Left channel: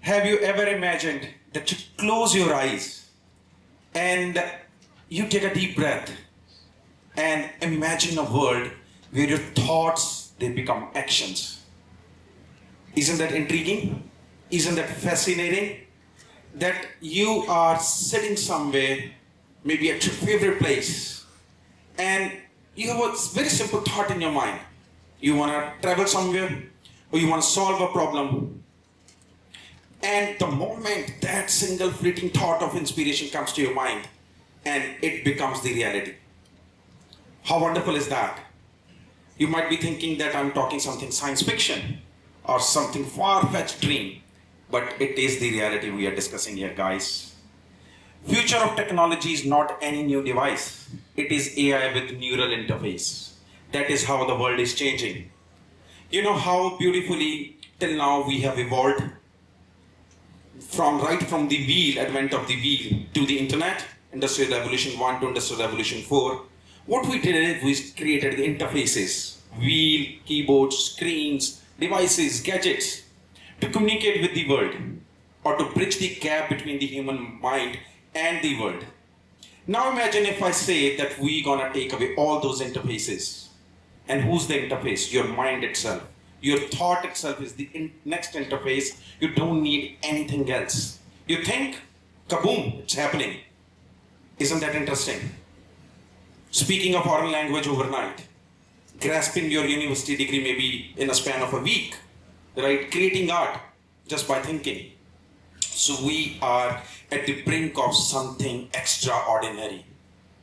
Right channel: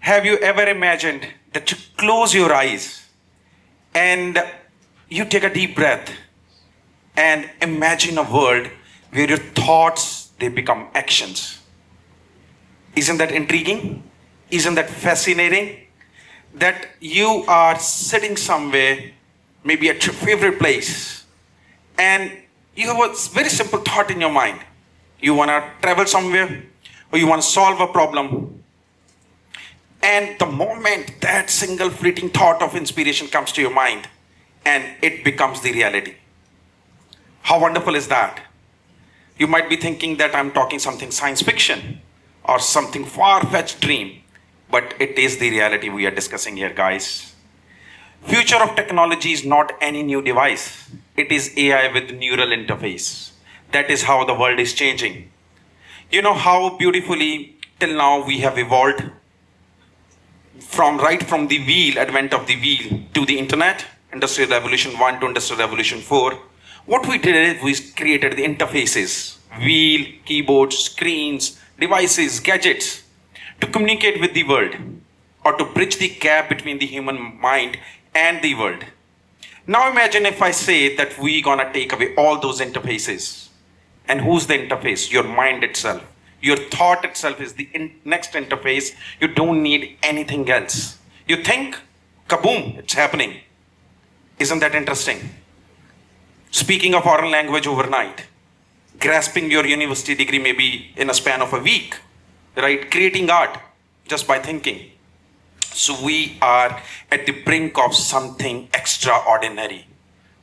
Have you ever imagined that you close your eyes and you take a deep breath and imagine a world where your thoughts they become actions? Isn't that intriguing? Isn't that fascinating? That you are sitting somewhere, maybe at your favorite place, and you have a very simple thought in your mind. You want to travel somewhere or you want to solve a problem. And the moment that single fleeting thought of inspiration comes to your mind, and it becomes the reality. How wonderful is that? You might be thinking that I'm talking something science fiction or something far-fetched dream, but it is the reality we are discussing here, guys. Future of technology is not any new device. It is AI with neural interface. That is how the world is changing. You know how beautifully till now we have evolved from the wheel, advent of the wheel, to the internet, Industrial Revolution 1 to Industrial Revolution 4. What we did is we created the interfaces, wheel, keyboards, screens, devices, gadgets, to communicate with the world or to bridge the gap between the human mind and the world. Now imagine if I say that we're gonna take away all those interfaces. And who's the interface? Your mind itself. Your thought itself is the next interface. You don't need anything else. You think, kaboom, it's happening. Isn't that interesting? Speaking a foreign language overnight, grasping your university degree maybe in a span of a week, right? Creating art just by thinking. So we are at the brink of something extraordinary.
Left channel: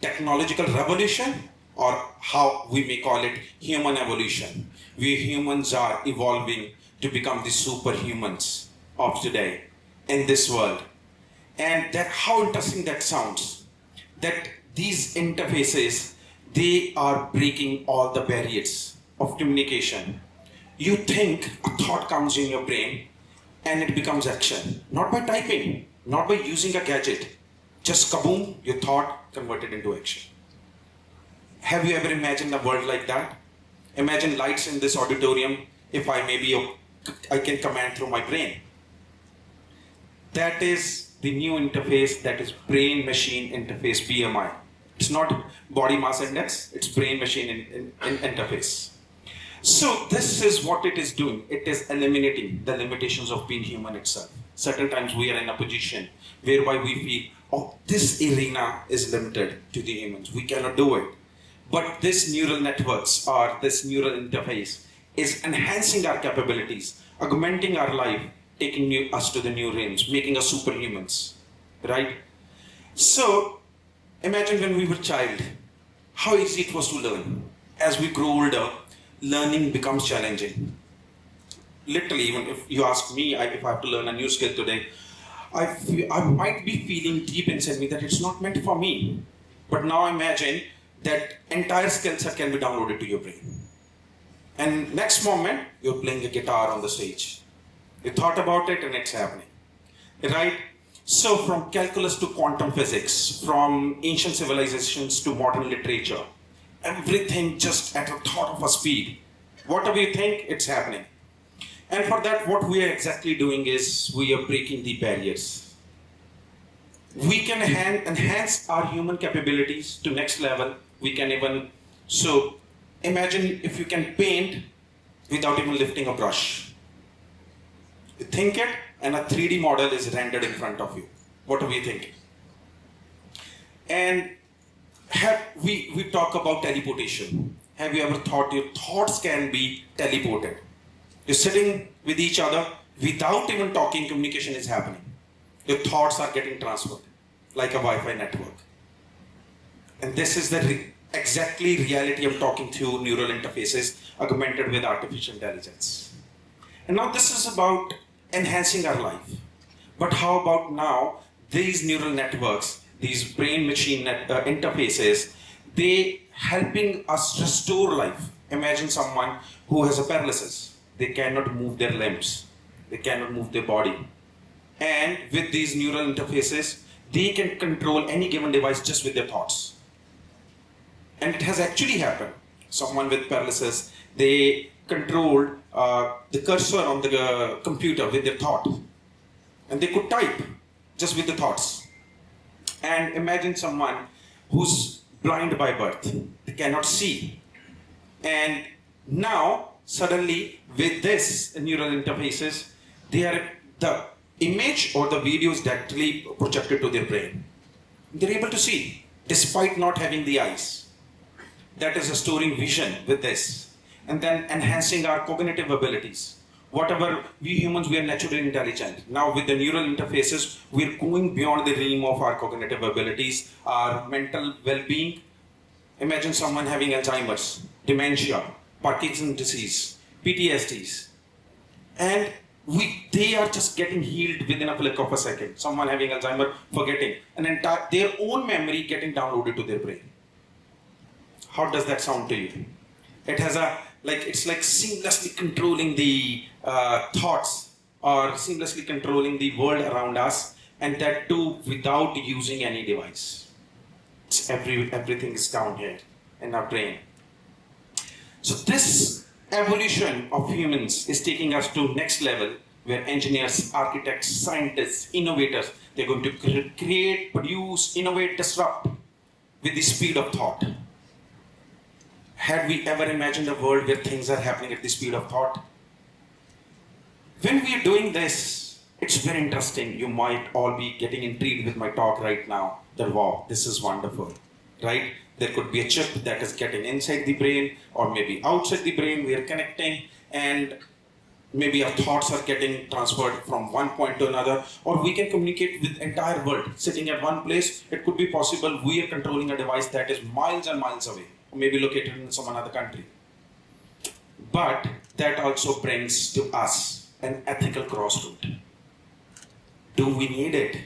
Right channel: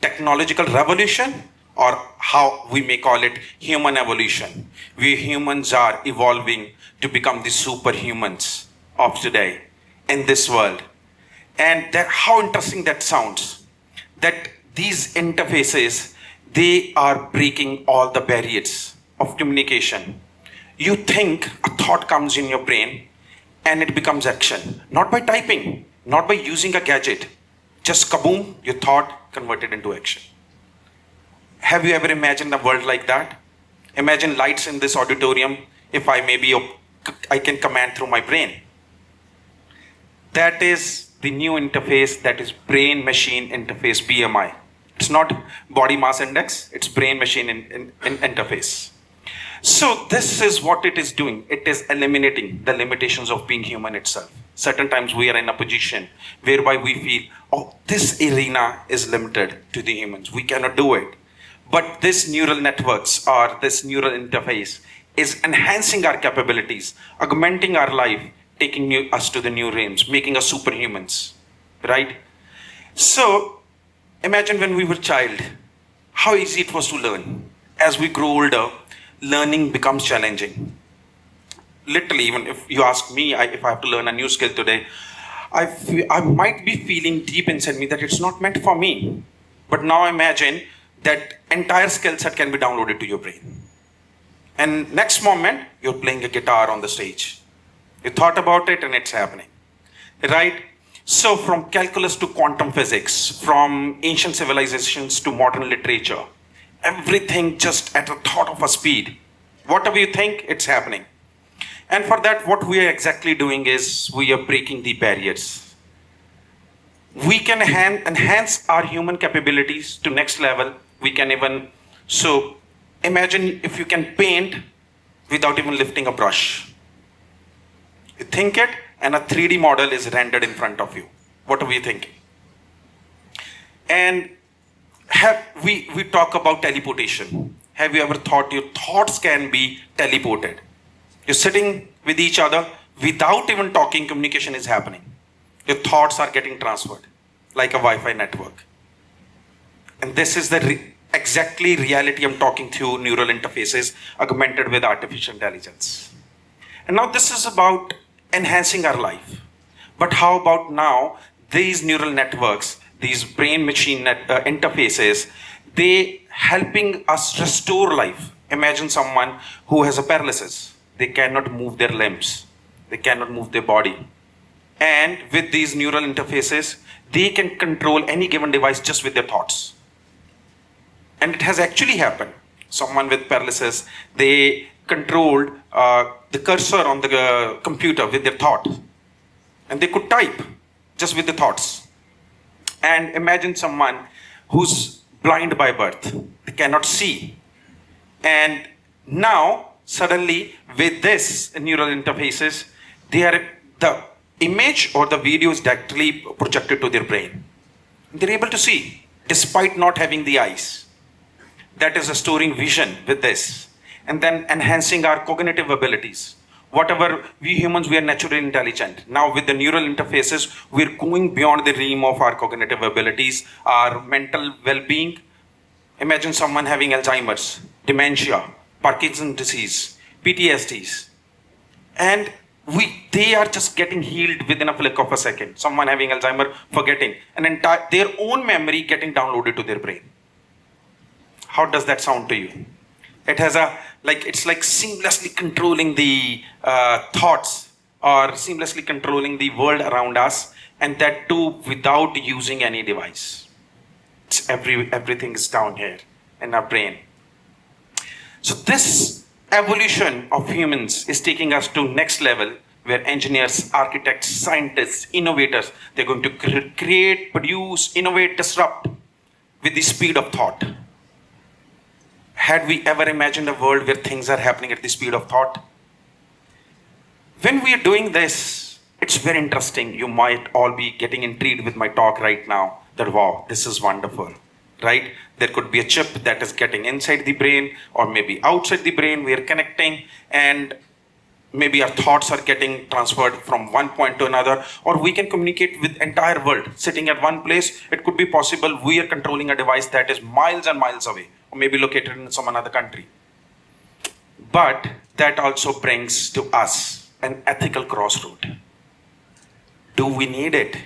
Technological revolution, or how we may call it human evolution. We humans are evolving to become the superhumans of today in this world. And that, how interesting that sounds, that these interfaces, they are breaking all the barriers of communication. You think a thought comes in your brain and it becomes action, not by typing, not by using a gadget, just kaboom, your thought converted into action. Have you ever imagined a world like that? Imagine lights in this auditorium. If I can command through my brain. That is the new interface, that is brain-machine interface, BMI. It's not body mass index, it's brain-machine interface. So this is what it is doing. It is eliminating the limitations of being human itself. Certain times we are in a position whereby we feel, oh, this arena is limited to the humans. We cannot do it. But this neural networks or this neural interface is enhancing our capabilities, augmenting our life, taking us to the new realms, making us superhumans, right? So imagine when we were a child, how easy it was to learn. As we grow older, learning becomes challenging. Literally, even if you ask me, if I have to learn a new skill today, I might be feeling deep inside me that it's not meant for me. But now imagine that entire skill set can be downloaded to your brain. And next moment, you're playing a guitar on the stage. You thought about it and it's happening, right? So from calculus to quantum physics, from ancient civilizations to modern literature, everything just at a thought of a speed. Whatever you think, it's happening. And for that, what we are exactly doing is we are breaking the barriers. We can enhance our human capabilities to next level. We can even, so imagine if you can paint without even lifting a brush. You think it and a 3D model is rendered in front of you. What are we thinking? And we talk about teleportation. Have you ever thought your thoughts can be teleported? You're sitting with each other without even talking, communication is happening. Your thoughts are getting transferred like a Wi-Fi network. And this is the exactly reality I'm talking through neural interfaces augmented with artificial intelligence. And now this is about enhancing our life. But how about now these neural networks, these brain-machine interfaces, they helping us restore life. Imagine someone who has a paralysis. They cannot move their limbs. They cannot move their body. And with these neural interfaces, they can control any given device just with their thoughts. And it has actually happened. Someone with paralysis, they controlled the cursor on the computer with their thought. and they could type just with the thoughts. And imagine someone who's blind by birth, they cannot see. And now, suddenly, with this neural interfaces, the image or the video is directly projected to their brain. They're able to see, despite not having the eyes. That is restoring vision with this. And then enhancing our cognitive abilities. Whatever we humans, we are naturally intelligent. Now with the neural interfaces, we're going beyond the realm of our cognitive abilities, our mental well-being. Imagine someone having Alzheimer's, dementia, Parkinson's disease, PTSDs. And they are just getting healed within a flick of a second. Someone having Alzheimer's, forgetting, and their own memory getting downloaded to their brain. How does that sound to you? It has it's like seamlessly controlling the thoughts or seamlessly controlling the world around us, and that too without using any device. Everything is down here in our brain. So this evolution of humans is taking us to next level, where engineers, architects, scientists, innovators, they're going to create, produce, innovate, disrupt with the speed of thought. Had we ever imagined a world where things are happening at the speed of thought? When we are doing this, it's very interesting. You might all be getting intrigued with my talk right now, that wow, this is wonderful, right? There could be a chip that is getting inside the brain or maybe outside the brain. We are connecting, and maybe our thoughts are getting transferred from one point to another, or we can communicate with entire world sitting at one place. It could be possible we are controlling a device that is miles and miles away, or maybe located in some another country. But that also brings to us an ethical crossroad. Do we need it?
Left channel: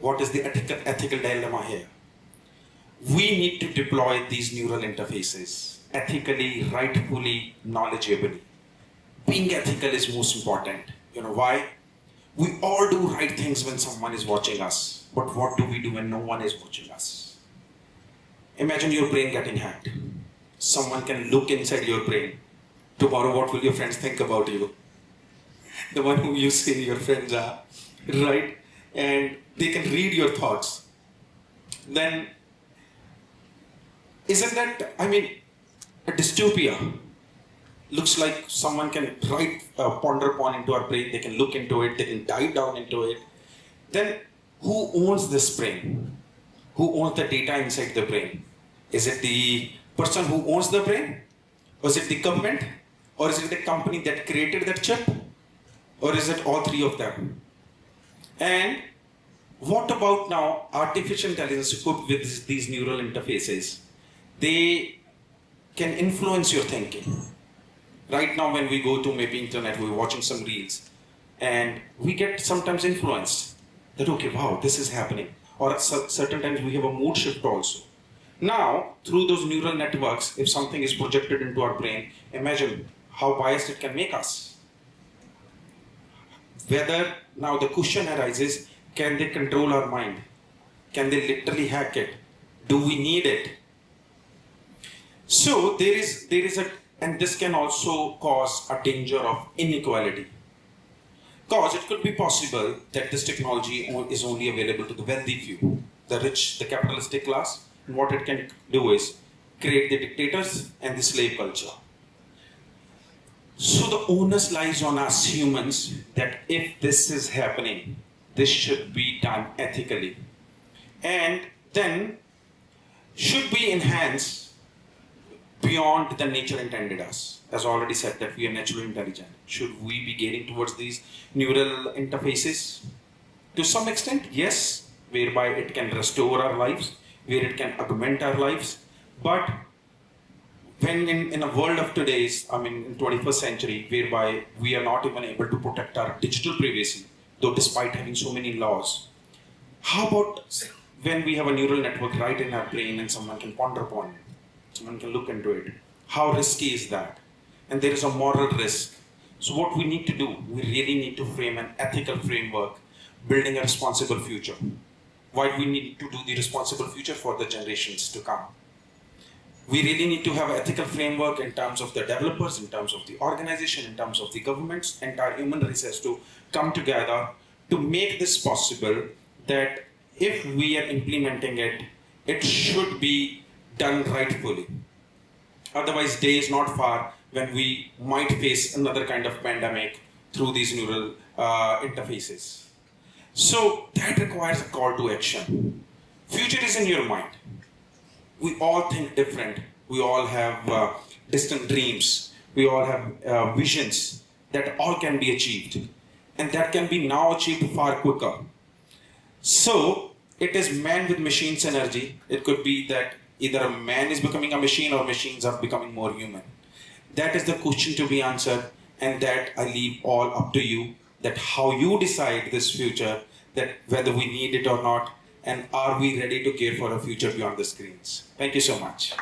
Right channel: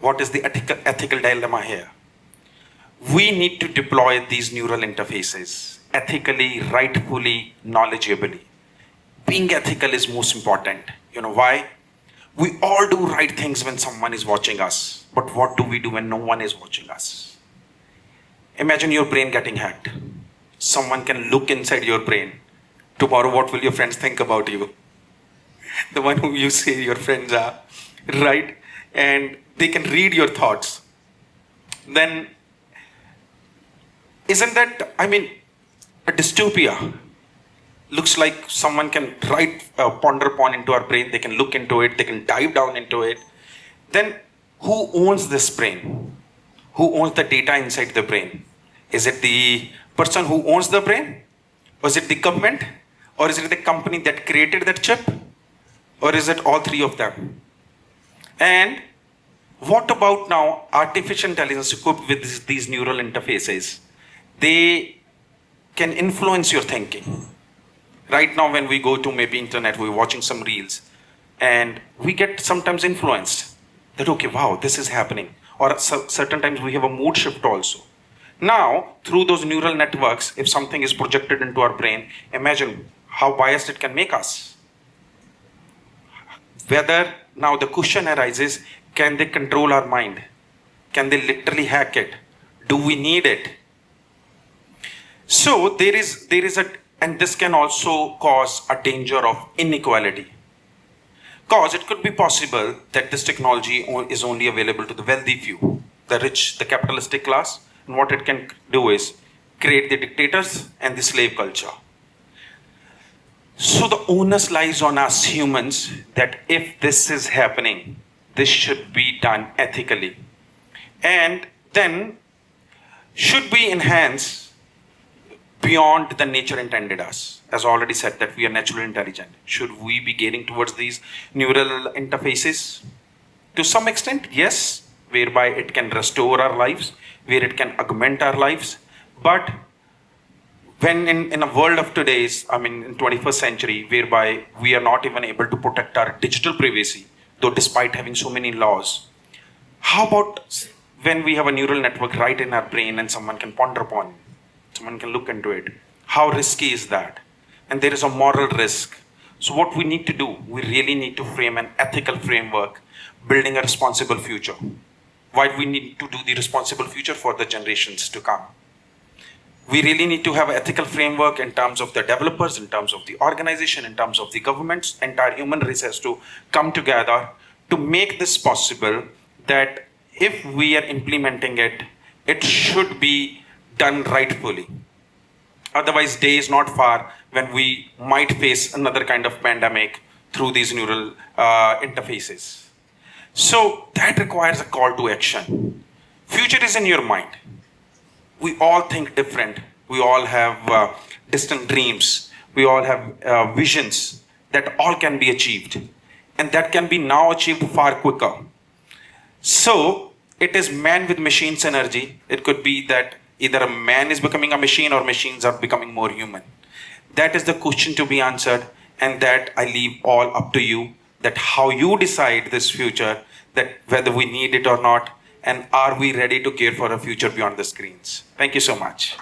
What is the ethical dilemma here? We need to deploy these neural interfaces ethically, rightfully, knowledgeably. Being ethical is most important. You know why? We all do right things when someone is watching us. But what do we do when no one is watching us? Imagine your brain getting hacked. Someone can look inside your brain. Tomorrow, what will your friends think about you? The one who you say your friends are, right? And they can read your thoughts. Then, isn't that, a dystopia? Looks like someone can ponder upon into our brain, they can look into it, they can dive down into it. Then who owns this brain? Who owns the data inside the brain? Is it the person who owns the brain? Or is it the government? Or is it the company that created that chip? Or is it all three of them? And what about now artificial intelligence equipped with these neural interfaces? They can influence your thinking. Right now, when we go to maybe internet, we're watching some reels, and we get sometimes influenced that, okay, wow, this is happening. Or certain times we have a mood shift also. Now, through those neural networks, if something is projected into our brain, imagine how biased it can make us. Whether now the question arises, can they control our mind? Can they literally hack it? Do we need it? So there is and this can also cause a danger of inequality. Because it could be possible that this technology is only available to the wealthy few, the rich, the capitalistic class, and what it can do is create the dictators and the slave culture. So the onus lies on us humans that if this is happening, this should be done ethically. And then should we enhance beyond the nature intended us? As already said, that we are naturally intelligent. Should we be gearing towards these neural interfaces? To some extent, yes, whereby it can restore our lives, where it can augment our lives. But when in a world of today's, in 21st century, whereby we are not even able to protect our digital privacy, though despite having so many laws, how about when we have a neural network right in our brain and someone can ponder upon it? Someone can look into it. How risky is that? And there is a moral risk. So what we need to do, we really need to frame an ethical framework, building a responsible future. Why do we need to do the responsible future for the generations to come? We really need to have an ethical framework in terms of the developers, in terms of the organization, in terms of the governments. Entire human race has to come together to make this possible, that if we are implementing it, it should be done rightfully. Otherwise, day is not far when we might face another kind of pandemic through these neural interfaces. So that requires a call to action. Future is in your mind. We all think different. We all have distant dreams. We all have visions that all can be achieved. And that can be now achieved far quicker. So it is man with machines energy. It could be that either a man is becoming a machine or machines are becoming more human. That is the question to be answered, and that I leave all up to you, that how you decide this future, that whether we need it or not, and are we ready to care for a future beyond the screens. Thank you so much.